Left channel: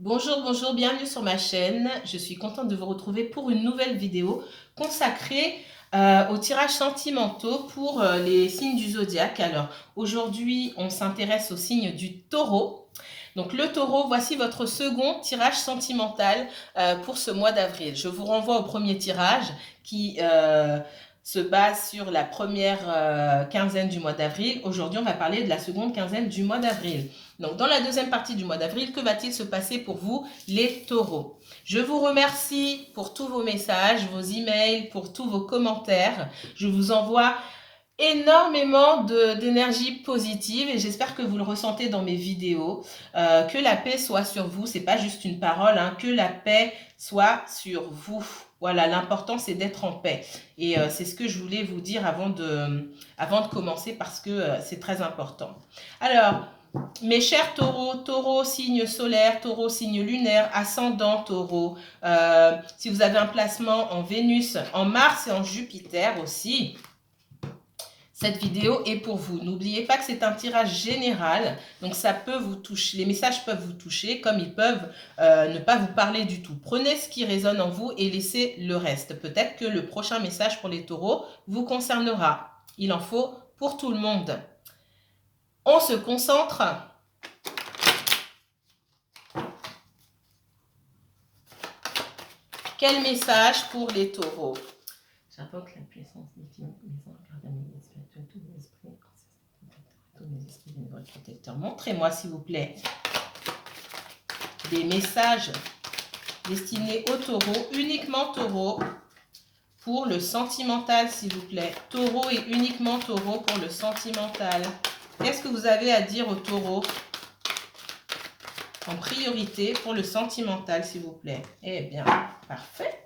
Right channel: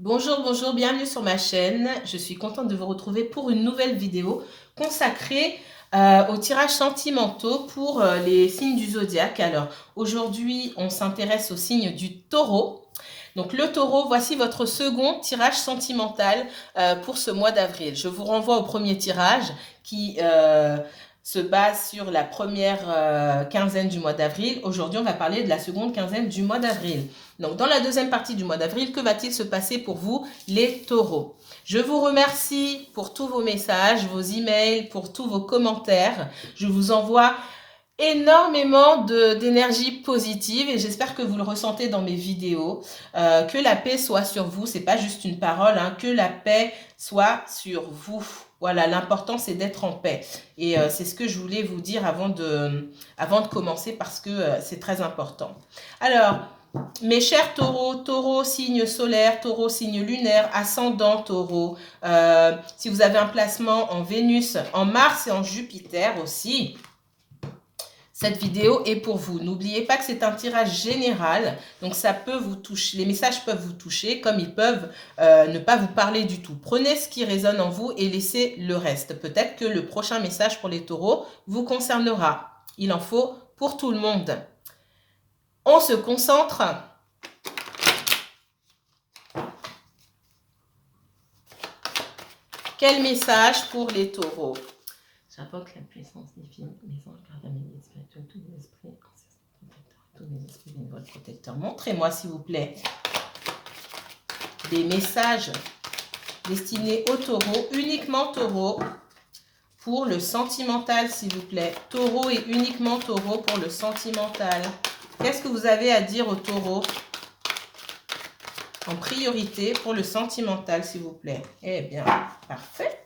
Bonjour, bonjour, bienvenue sur ma chaîne. Je suis contente de vous retrouver pour une nouvelle vidéo consacrée aux tirages sentimentaux pour les signes du zodiaque. Alors, aujourd'hui, on s'intéresse au signe du taureau. Donc, le taureau, voici votre second tirage sentimental pour ce mois d'avril. Je vous renvoie au premier tirage qui se base sur la première quinzaine du mois d'avril. Aujourd'hui, on va parler de la seconde quinzaine du mois d'avril. Donc, dans la deuxième partie du mois d'avril, que va-t-il se passer pour vous, les taureaux? Je vous remercie pour tous vos messages, vos emails, pour tous vos commentaires. Je vous envoie énormément d'énergie positive et j'espère que vous le ressentez dans mes vidéos. Que la paix soit sur vous, c'est pas juste une parole, hein, que la paix soit sur vous. Voilà, l'important c'est d'être en paix. Et c'est ce que je voulais vous dire avant de commencer parce que c'est très important. Alors, mes chers taureaux, taureau signe solaire, taureau signe lunaire, ascendant taureau, si vous avez un placement en Vénus, en Mars et en Jupiter aussi, cette vidéo est pour vous. N'oubliez pas que c'est un tirage général, donc ça peut vous toucher, les messages peuvent vous toucher comme ils peuvent ne pas vous parler du tout. Prenez ce qui résonne en vous et laissez le reste. Peut-être que le prochain message pour les taureaux vous concernera. Il en faut pour tout le monde. On se concentre. Quel message pour les taureaux? J'invoque la puissance divine, les anges, gardiens, mes guides spirituels, tous les esprits, tous les esprits bénévoles protecteurs. Montrez-moi, s'il vous plaît, des messages destinés aux taureaux, uniquement taureaux, pour le sentimental, s'il vous plaît. Taureau et uniquement taureau pour le sentimental. Qu'est-ce que vous avez à dire aux taureaux en priorité pour le sentimental, s'il vous plaît? Eh bien, parfait.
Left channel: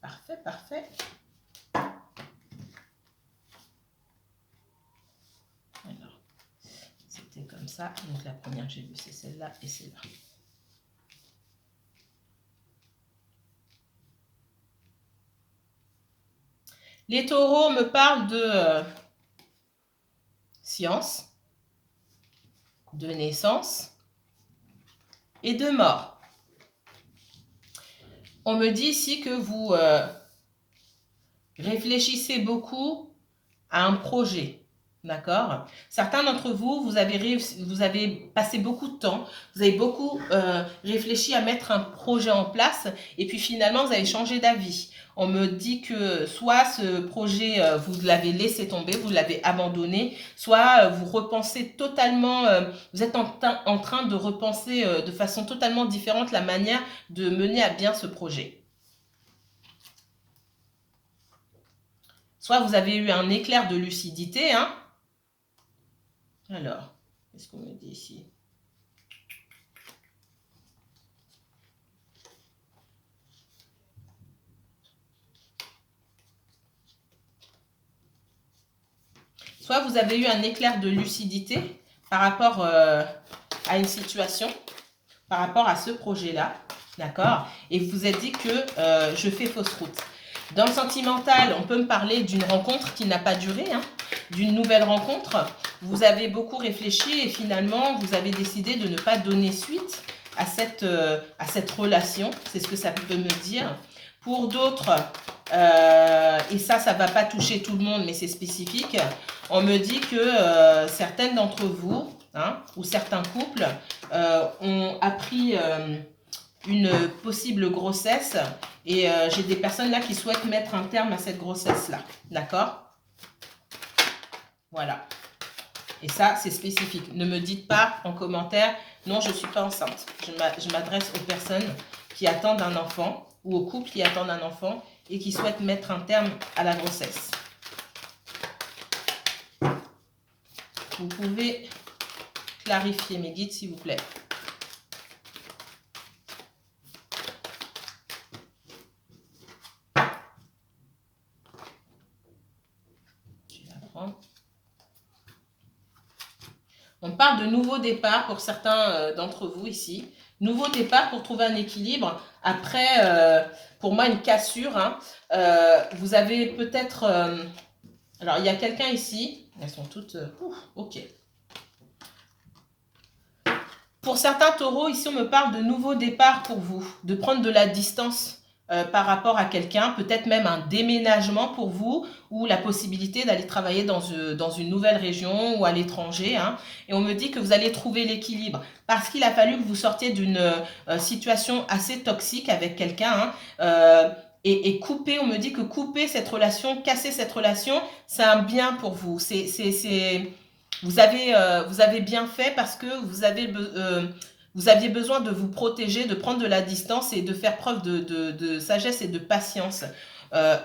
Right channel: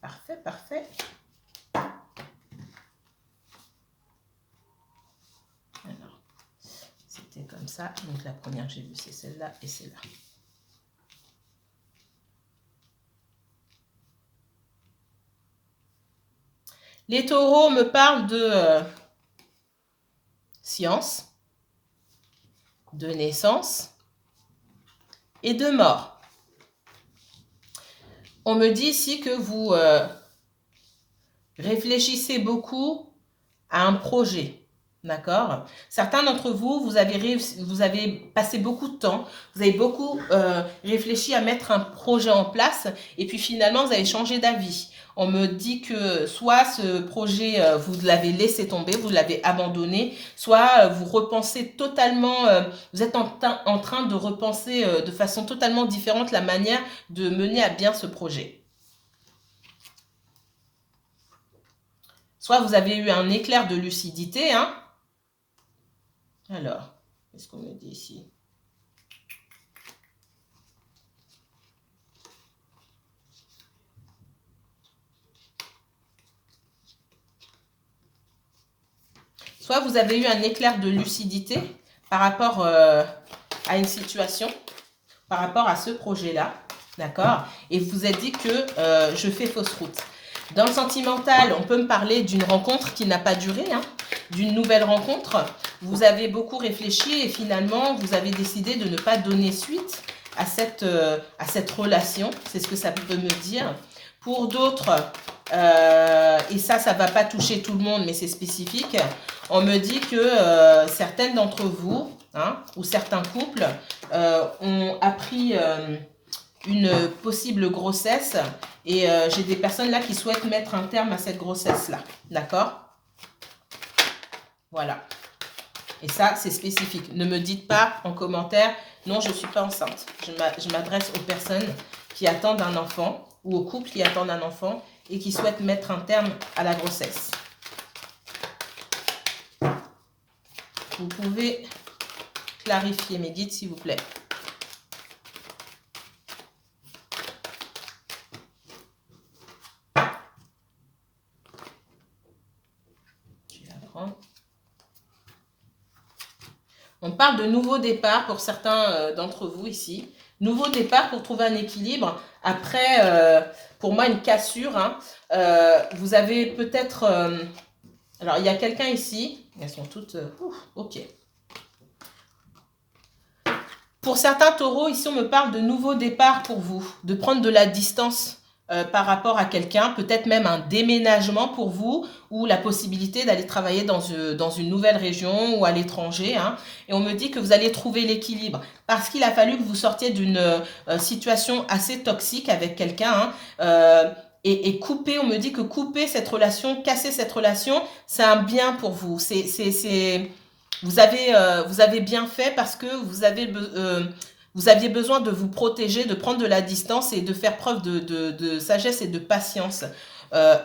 Parfait, parfait. Alors, c'était comme ça. Donc, la première que j'ai vue, c'est celle-là et celle-là. Les taureaux me parlent de science, de naissance et de mort. On me dit ici que vous réfléchissez beaucoup à un projet. D'accord? Certains d'entre vous, vous avez passé beaucoup de temps, vous avez beaucoup réfléchi à mettre un projet en place et puis finalement, vous avez changé d'avis. On me dit que soit ce projet, vous l'avez laissé tomber, vous l'avez abandonné, soit vous repensez totalement, vous êtes en train de repenser de façon totalement différente la manière de mener à bien ce projet. Soit vous avez eu un éclair de lucidité, hein. Alors, qu'est-ce qu'on me dit ici? Soit vous avez eu un éclair de lucidité par rapport à une situation, par rapport à ce projet-là, d'accord? Et vous vous êtes dit que je fais fausse route. Dans le sentimental, on peut me parler d'une rencontre qui n'a pas duré, hein, d'une nouvelle rencontre. Vous avez beaucoup réfléchi et finalement, vous avez décidé de ne pas donner suite à cette relation. C'est ce que ça peut me dire. Pour d'autres, et ça ne va pas toucher tout le monde, mais c'est spécifique, on me dit que certaines d'entre vous, hein, ou certains couples, ont appris une possible grossesse et j'ai des personnes là qui souhaitent mettre un terme à cette grossesse-là. D'accord? Voilà. Et ça, c'est spécifique. Ne me dites pas en commentaire, non, je ne suis pas enceinte. Je m'adresse aux personnes qui attendent un enfant ou aux couples qui attendent un enfant et qui souhaitent mettre un terme à la grossesse. Vous pouvez clarifier mes guides, s'il vous plaît. On parle de nouveau départ pour certains d'entre vous ici. Nouveau départ pour trouver un équilibre. Après, pour moi, une cassure. Hein. Vous avez peut-être... alors, il y a quelqu'un ici. Elles sont toutes... ok. Pour certains taureaux, ici, on me parle de nouveaux départs pour vous, de prendre de la distance par rapport à quelqu'un, peut-être même un déménagement pour vous, ou la possibilité d'aller travailler dans une nouvelle région ou à l'étranger. Hein. Et on me dit que vous allez trouver l'équilibre, parce qu'il a fallu que vous sortiez d'une situation assez toxique avec quelqu'un. Hein. Et couper, on me dit que couper cette relation, casser cette relation, c'est un bien pour vous. Vous avez bien fait parce que vous aviez besoin de vous protéger, de prendre de la distance et de faire preuve de sagesse et de patience.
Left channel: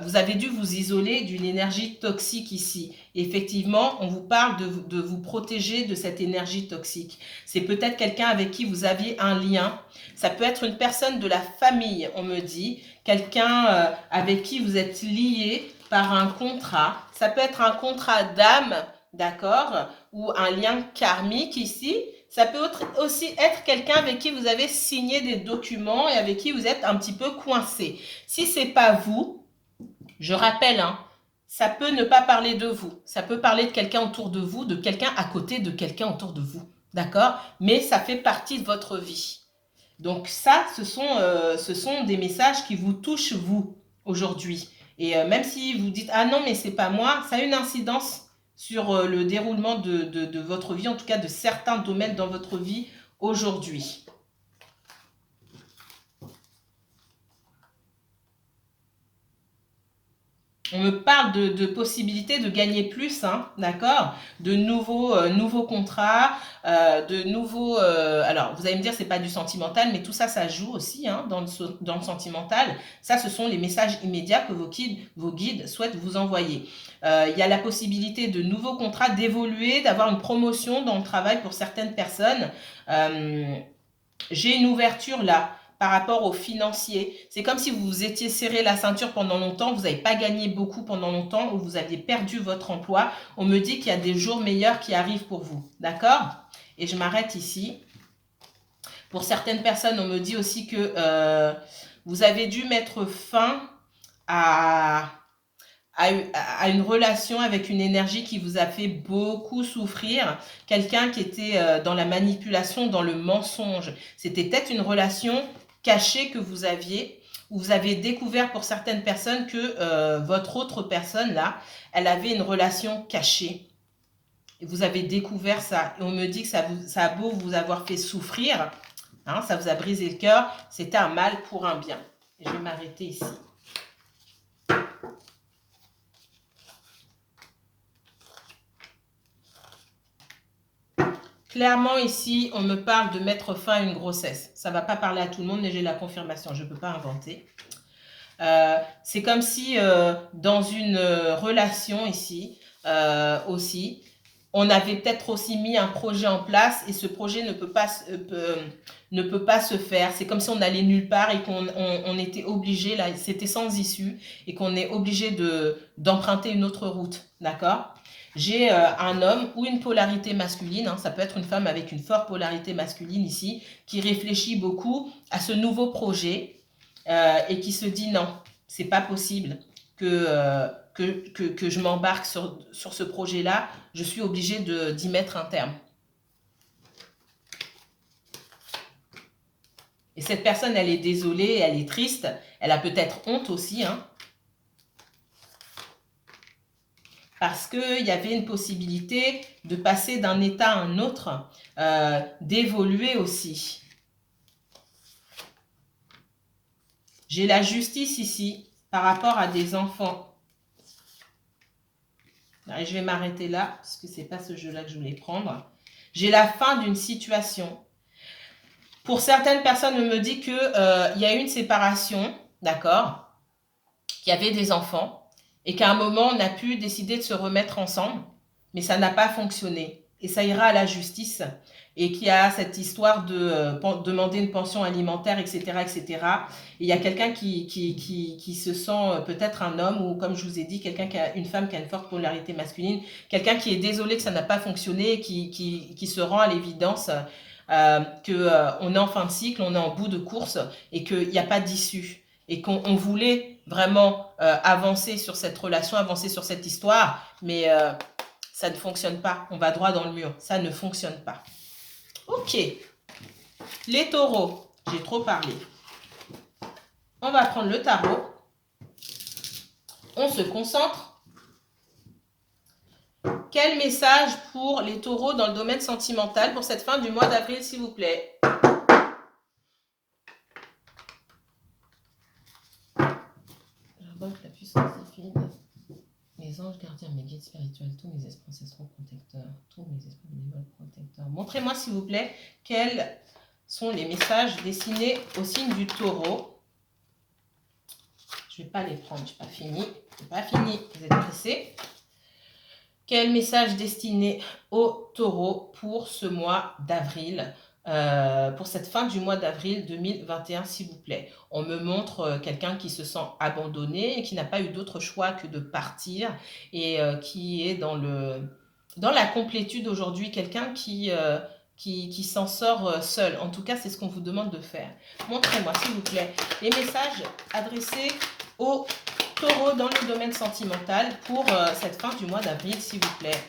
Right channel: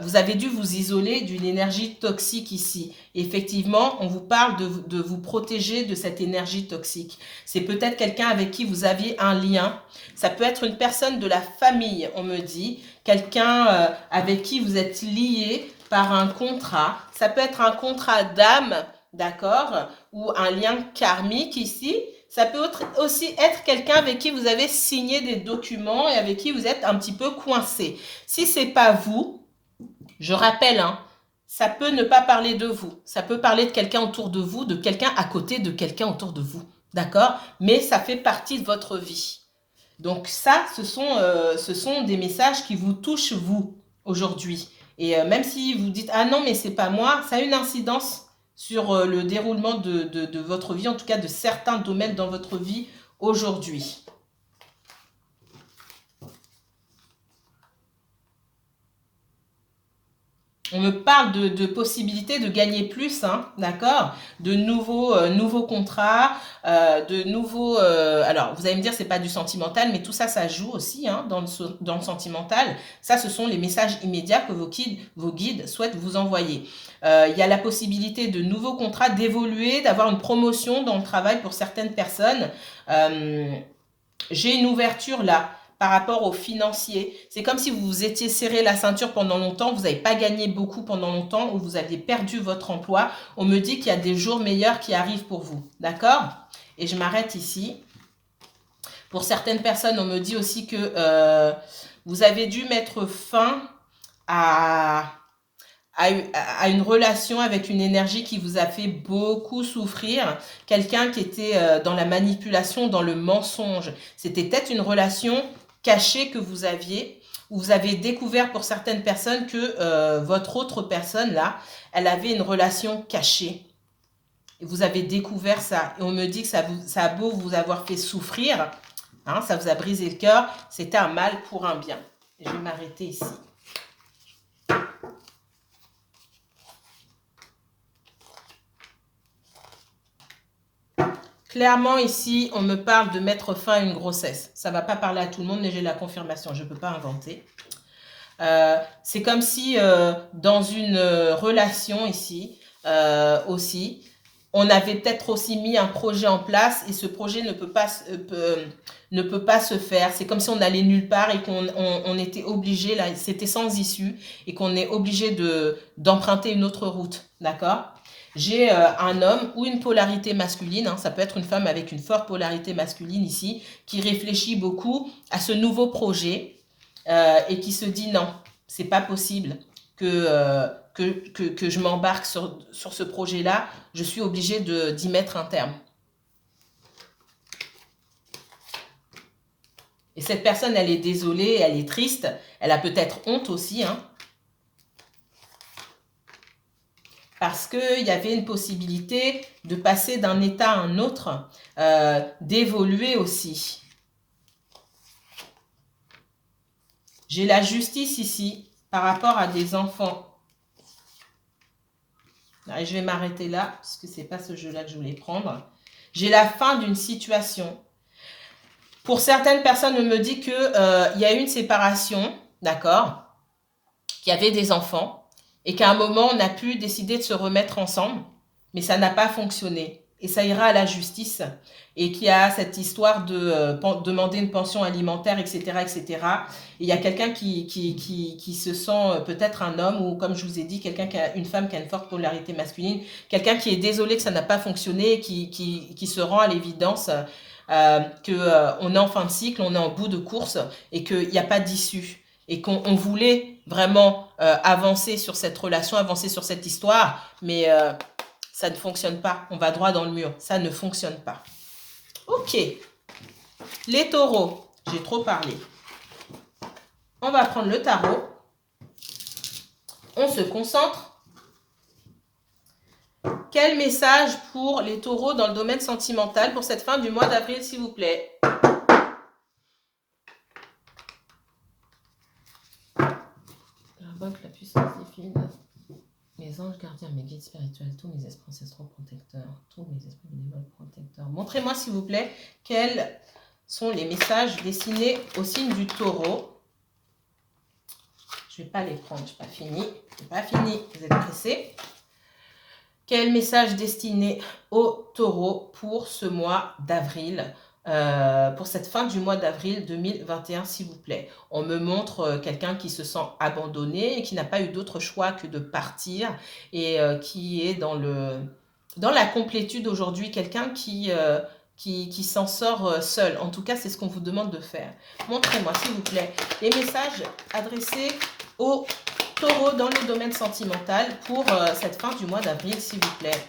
Vous avez dû vous isoler d'une énergie toxique ici. Et effectivement, on vous parle de vous protéger de cette énergie toxique. C'est peut-être quelqu'un avec qui vous aviez un lien. Ça peut être une personne de la famille, on me dit. Quelqu'un avec qui vous êtes lié par un contrat. Ça peut être un contrat d'âme, d'accord, ou un lien karmique ici. Ça peut aussi être quelqu'un avec qui vous avez signé des documents et avec qui vous êtes un petit peu coincé. Si ce n'est pas vous, je rappelle, hein, ça peut ne pas parler de vous. Ça peut parler de quelqu'un autour de vous, de quelqu'un à côté de quelqu'un autour de vous. D'accord? Mais ça fait partie de votre vie. Donc ça, ce sont des messages qui vous touchent, vous, aujourd'hui. Et même si vous dites « Ah non, mais c'est pas moi », ça a une incidence sur le déroulement de votre vie, en tout cas de certains domaines dans votre vie aujourd'hui. On me parle de possibilités de gagner plus, hein, d'accord, de nouveaux contrats, de nouveaux... alors, vous allez me dire, c'est pas du sentimental, mais tout ça, ça joue aussi hein, dans le sentimental. Ça, ce sont les messages immédiats que vos guides souhaitent vous envoyer. Il y a la possibilité de nouveaux contrats, d'évoluer, d'avoir une promotion dans le travail pour certaines personnes. J'ai une ouverture là par rapport aux financiers. C'est comme si vous vous étiez serré la ceinture pendant longtemps, vous n'avez pas gagné beaucoup pendant longtemps ou vous aviez perdu votre emploi. On me dit qu'il y a des jours meilleurs qui arrivent pour vous. D'accord? Et je m'arrête ici. Pour certaines personnes, on me dit aussi que vous avez dû mettre fin à une relation avec une énergie qui vous a fait beaucoup souffrir, quelqu'un qui était dans la manipulation, dans le mensonge. C'était peut-être une relation cachée que vous aviez, où vous avez découvert pour certaines personnes que votre autre personne, là, elle avait une relation cachée. Et vous avez découvert ça. Et on me dit que ça a beau vous avoir fait souffrir, hein, ça vous a brisé le cœur, c'était un mal pour un bien. Et je vais m'arrêter ici. Clairement, ici, on me parle de mettre fin à une grossesse. Ça ne va pas parler à tout le monde, mais j'ai la confirmation. Je ne peux pas inventer. C'est comme si dans une relation ici, aussi, on avait peut-être aussi mis un projet en place et ce projet ne peut pas se faire. C'est comme si on allait nulle part et qu'on était obligé, là, c'était sans issue, et qu'on est obligé d'emprunter une autre route. D'accord ? J'ai un homme ou une polarité masculine, hein, ça peut être une femme avec une forte polarité masculine ici, qui réfléchit beaucoup à ce nouveau projet et qui se dit non, c'est pas possible que je m'embarque sur ce projet-là, je suis obligée d'y mettre un terme. Et cette personne, elle est désolée, elle est triste, elle a peut-être honte aussi, hein, parce qu'il y avait une possibilité de passer d'un état à un autre, d'évoluer aussi. J'ai la justice ici par rapport à des enfants. Et je vais m'arrêter là, parce que ce n'est pas ce jeu-là que je voulais prendre. J'ai la fin d'une situation. Pour certaines personnes, on me dit qu'il y a eu une séparation, d'accord, qu'il y avait des enfants, et qu'à un moment, on a pu décider de se remettre ensemble, mais ça n'a pas fonctionné. Et ça ira à la justice, et qu'il y a cette histoire de demander une pension alimentaire, etc., etc. Et il y a quelqu'un qui se sent peut-être un homme, ou comme je vous ai dit, une femme qui a une forte polarité masculine, quelqu'un qui est désolé que ça n'a pas fonctionné, qui se rend à l'évidence qu'on est en fin de cycle, on est en bout de course, et qu'il n'y a pas d'issue. Et qu'on voulait vraiment avancer sur cette relation, avancer sur cette histoire, mais ça ne fonctionne pas. On va droit dans le mur. Ça ne fonctionne pas. Ok. Les taureaux, j'ai trop parlé. On va prendre le tarot. On se concentre. Quel message pour les taureaux dans le domaine sentimental pour cette fin du mois d'avril, s'il vous plaît? J'invoque la puissance divine, les anges gardiens, mes guides spirituels, tous mes esprits ancestraux protecteurs, tous mes esprits bénévoles protecteurs. Montrez-moi, s'il vous plaît, quels sont les messages destinés au signe du taureau. Je ne vais pas les prendre, je n'ai pas fini. Je n'ai pas fini, vous êtes pressés. Quel message destiné au taureau pour ce mois d'avril, pour cette fin du mois d'avril 2021, s'il vous plaît? On me montre quelqu'un qui se sent abandonné et qui n'a pas eu d'autre choix que de partir et qui est dans la complétude aujourd'hui, quelqu'un qui s'en sort seul. En tout cas, c'est ce qu'on vous demande de faire. Montrez-moi, s'il vous plaît, les messages adressés au taureau dans le domaine sentimental pour cette fin du mois d'avril, s'il vous plaît.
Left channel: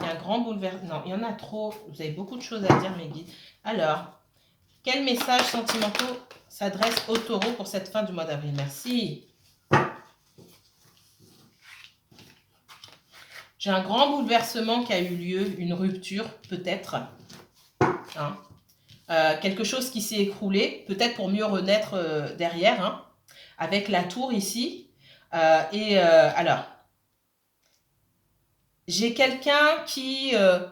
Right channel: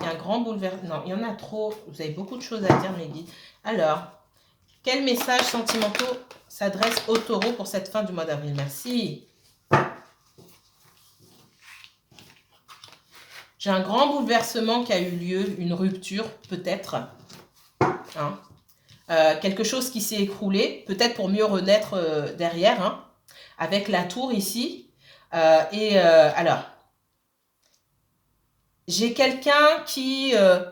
Il y a un grand bouleversement. Non, il y en a trop. Vous avez beaucoup de choses à dire, mes guides. Alors, quels messages sentimentaux s'adressent au taureau pour cette fin du mois d'avril? Merci. J'ai un grand bouleversement qui a eu lieu, une rupture, peut-être. Hein. Quelque chose qui s'est écroulé, peut-être pour mieux renaître derrière, hein, avec la tour ici. Alors, j'ai quelqu'un qui se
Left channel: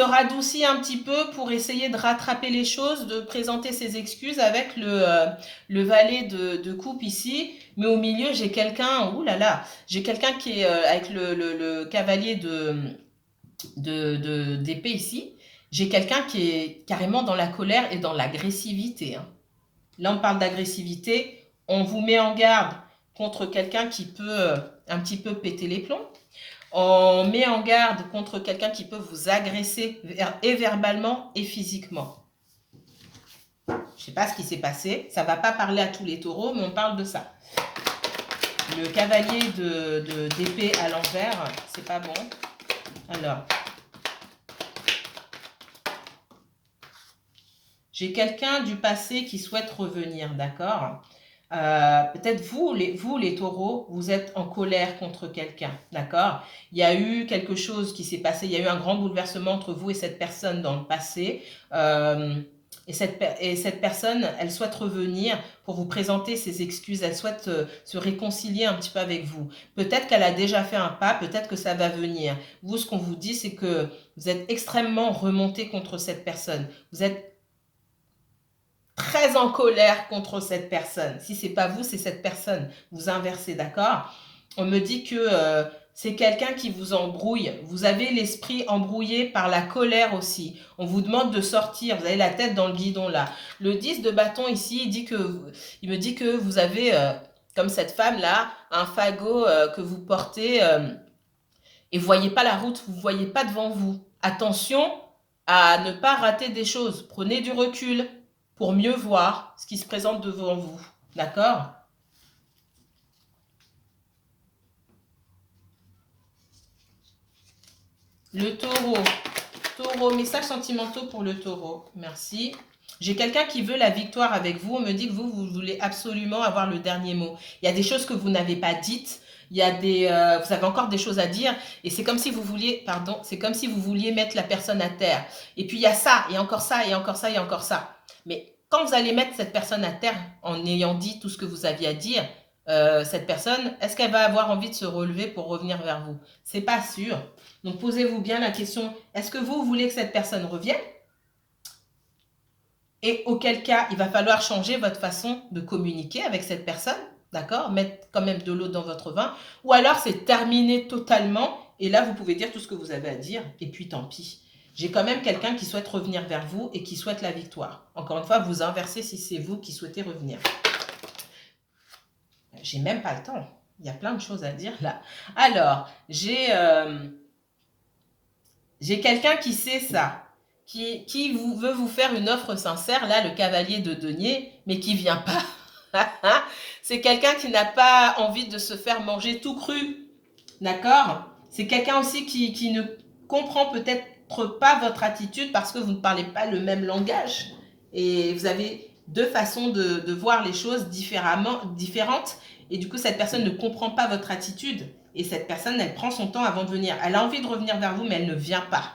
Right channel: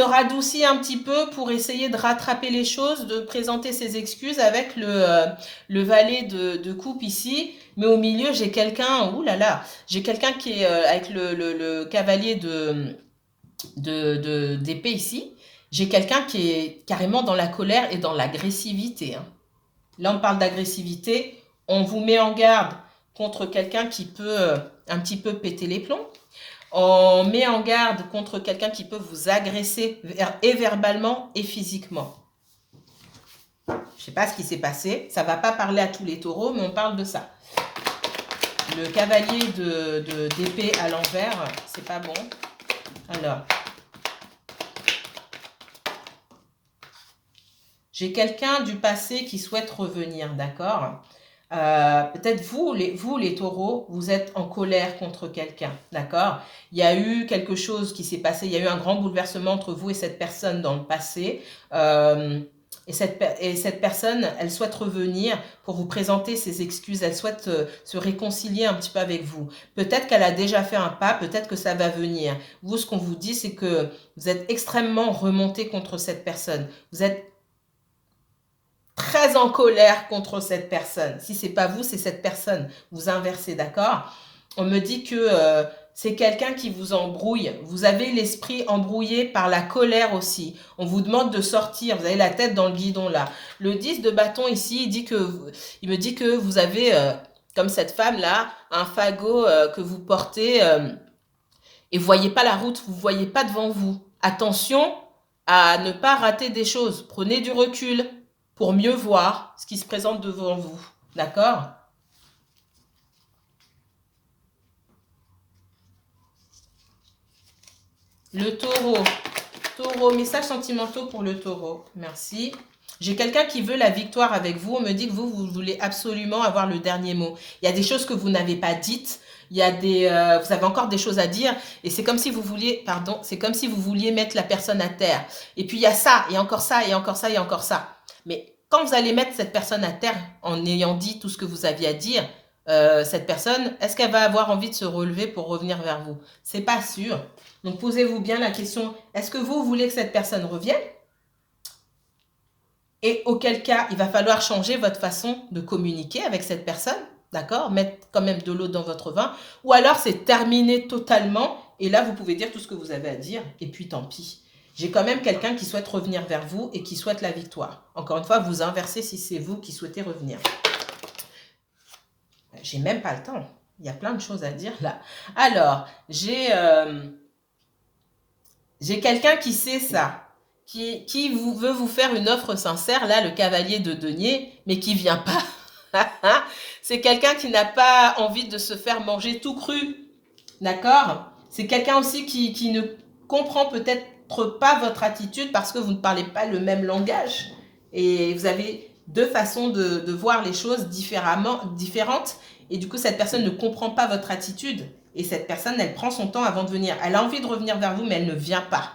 radoucit un petit peu pour essayer de rattraper les choses, de présenter ses excuses avec le valet de coupe ici. Mais au milieu, j'ai quelqu'un, oulala, j'ai quelqu'un qui est avec le cavalier d'épée ici. J'ai quelqu'un qui est carrément dans la colère et dans l'agressivité. Hein. Là, on parle d'agressivité. On vous met en garde contre quelqu'un qui peut un petit peu péter les plombs. On met en garde contre quelqu'un qui peut vous agresser et verbalement et physiquement. Je ne sais pas ce qui s'est passé. Ça ne va pas parler à tous les taureaux, mais on parle de ça. Le cavalier d'épée à l'envers, c'est pas bon. Alors, j'ai quelqu'un du passé qui souhaite revenir, d'accord? Peut-être vous les taureaux, vous êtes en colère contre quelqu'un, d'accord? Il y a eu quelque chose qui s'est passé, il y a eu un grand bouleversement entre vous et cette personne dans le passé. Et cette personne, elle souhaite revenir pour vous présenter ses excuses, elle souhaite se réconcilier un petit peu avec vous. Peut-être qu'elle a déjà fait un pas, peut-être que ça va venir. Vous, ce qu'on vous dit, c'est que vous êtes extrêmement remonté contre cette personne. Vous êtes très en colère contre cette personne. Si ce n'est pas vous, c'est cette personne. Vous inversez, d'accord? On me dit que c'est quelqu'un qui vous embrouille. Vous avez l'esprit embrouillé par la colère aussi. On vous demande de sortir. Vous avez la tête dans le guidon là. Le 10 de bâton ici, il me dit que vous avez, comme cette femme-là, un fagot que vous portez et vous ne voyez pas la route, vous ne voyez pas devant vous. Attention à ne pas rater des choses. Prenez du recul pour mieux voir ce qui se présente devant vous. D'accord? Le taureau. Taureau, messages sentimentaux pour le taureau. Merci. J'ai quelqu'un qui veut la victoire avec vous. On me dit que vous voulez absolument avoir le dernier mot. Il y a des choses que vous n'avez pas dites. Il y a vous avez encore des choses à dire. Et c'est comme si vous vouliez, c'est comme si vous vouliez mettre la personne à terre. Et puis il y a ça, et encore ça, et encore ça, et encore ça. Mais quand vous allez mettre cette personne à terre en ayant dit tout ce que vous aviez à dire, cette personne, est-ce qu'elle va avoir envie de se relever pour revenir vers vous? C'est pas sûr. Donc posez-vous bien la question, est-ce que vous voulez que cette personne revienne? Et auquel cas, il va falloir changer votre façon de communiquer avec cette personne, d'accord? Mettre quand même de l'eau dans votre vin. Ou alors c'est terminé totalement et là vous pouvez dire tout ce que vous avez à dire et puis tant pis. J'ai quand même quelqu'un qui souhaite revenir vers vous et qui souhaite la victoire. Encore une fois, vous inversez si c'est vous qui souhaitez revenir. J'ai même pas le temps. Il y a plein de choses à dire là. Alors, j'ai quelqu'un qui sait ça, qui veut vous faire une offre sincère, là, le cavalier de denier, mais qui vient pas. C'est quelqu'un qui n'a pas envie de se faire manger tout cru. D'accord? C'est quelqu'un aussi qui ne comprend peut-être montre pas votre attitude parce que vous ne parlez pas le même langage. Et vous avez deux façons de voir les choses différentes. Et du coup, cette personne ne comprend pas votre attitude. Et cette personne, elle prend son temps avant de venir. Elle a envie de revenir vers vous, mais elle ne vient pas.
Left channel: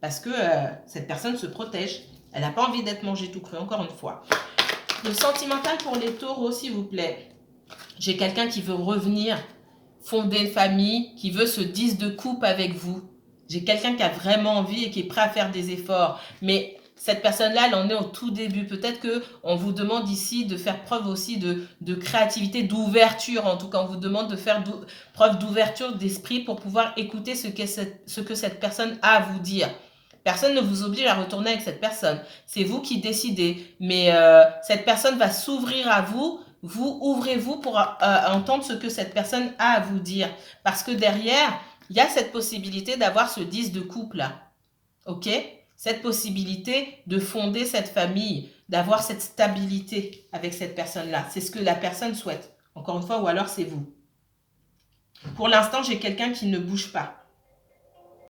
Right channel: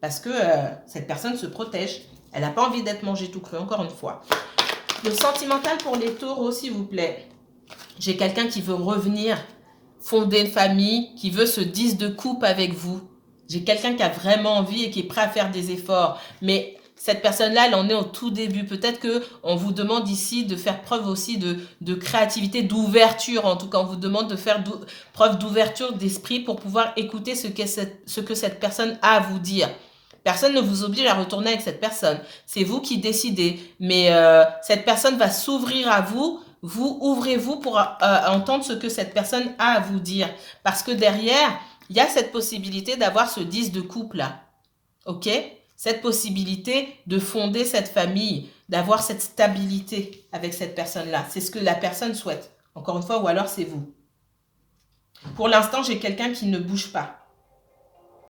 Parce que cette personne se protège. Elle n'a pas envie d'être mangée tout cru, encore une fois. Le sentimental pour les taureaux, s'il vous plaît. J'ai quelqu'un qui veut revenir, fonder une famille, qui veut ce 10 de coupe avec vous. J'ai quelqu'un qui a vraiment envie et qui est prêt à faire des efforts. Mais cette personne-là, elle en est au tout début. Peut-être qu'on vous demande ici de faire preuve aussi de créativité, d'ouverture. En tout cas, on vous demande de faire preuve d'ouverture d'esprit pour pouvoir écouter ce que cette personne a à vous dire. Personne ne vous oblige à retourner avec cette personne. C'est vous qui décidez. Mais cette personne va s'ouvrir à vous. Vous ouvrez-vous pour entendre ce que cette personne a à vous dire. Parce que derrière, il y a cette possibilité d'avoir ce 10 de coupe là. OK? Cette possibilité de fonder cette famille, d'avoir cette stabilité avec cette personne-là. C'est ce que la personne souhaite. Encore une fois, ou alors c'est vous. Pour l'instant, j'ai quelqu'un qui ne bouge pas.